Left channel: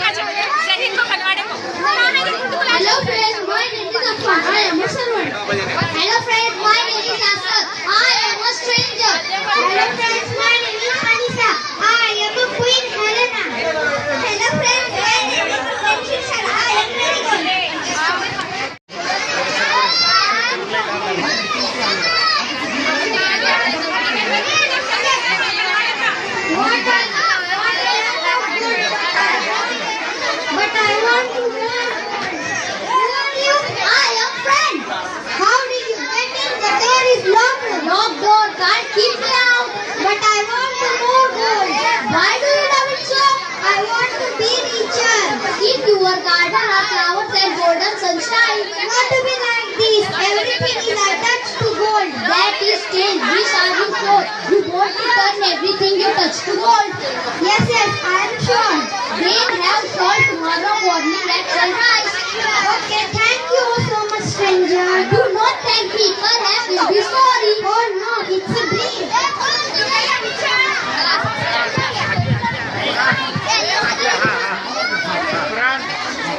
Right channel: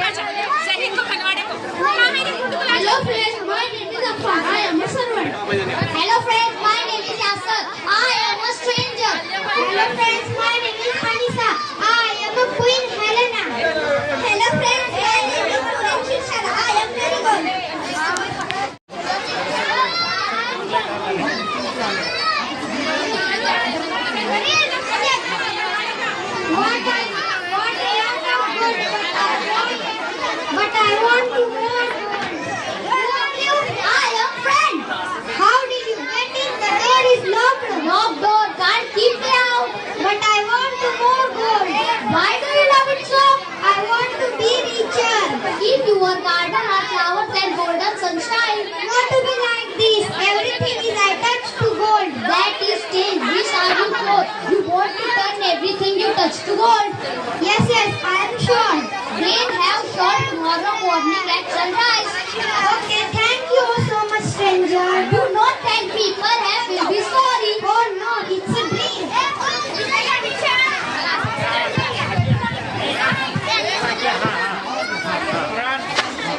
Hello friends, my name is Affan. I am a servant. Hello friends, my name is Yasar. I am a stranger. Hello friends, my name is Anisa. I am a queen Helena. Hello friends, my name is Norain. Shirshad. I am very good. But I want to know. Who are you? I am friend. How did you get in? The door is locked. Locked door can't keep me out. But I want to more gold. Why do you love it so? I want to be richer. If your garden are flowers and golden sunshine, want to be like this. Everything is I touch to gold. That is change. Which are you for? You want to turn everything you touch to gold. Yes, I am sure. Rain have fall tomorrow morning at sunrise. Okay, thank you so much, stranger. Do not thank me. Perhaps you'll be sorry. Oh no, it's a dream.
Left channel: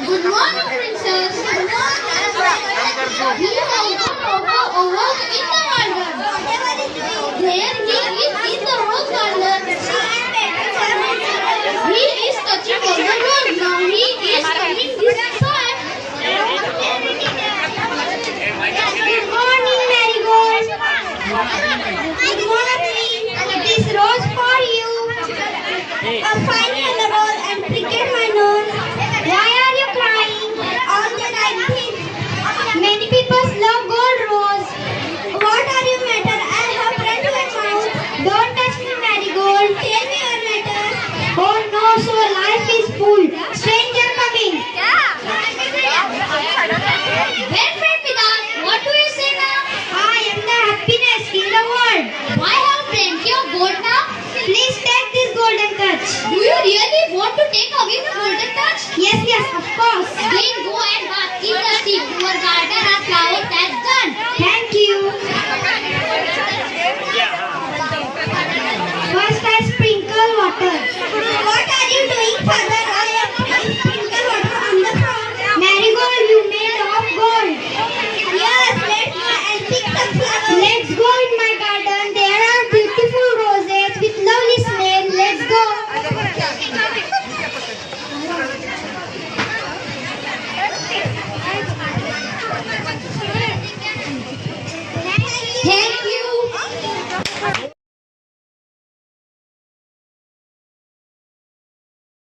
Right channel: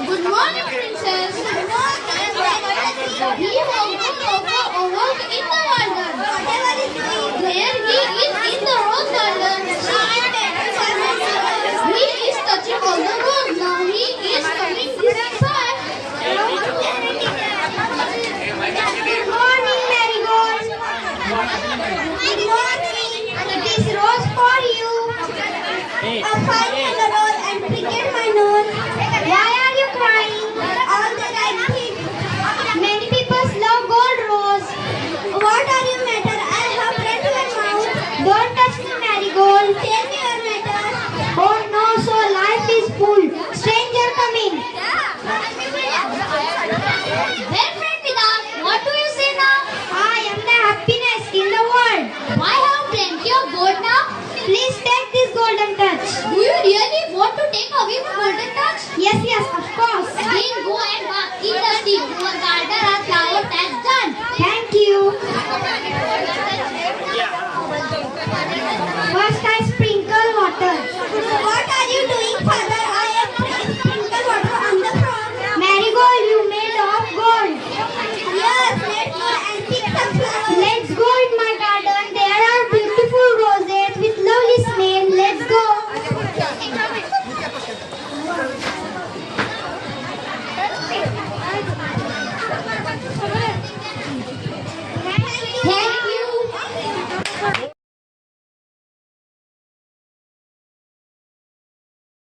Good morning, princess. Good morning. We have come over in the garden. There he is in the rose garden. He is touching all the rose. Now he is coming this side. Good morning, Marigold. Good morning. It is rose for you. A fine yellow rose and pricked my nose. Why are you crying? All that I think. Many people love gold rose. What are you matter? I have blood to my mouth. Don't touch me, Marigold. Tell me your matter. Oh no, so life is full. Stranger coming. Well, friend Pita, what do you say now? I am the happiness in the world. I have plenty of gold now. Please take this golden touch. Do you really want to take away the golden touch? Yes, of course.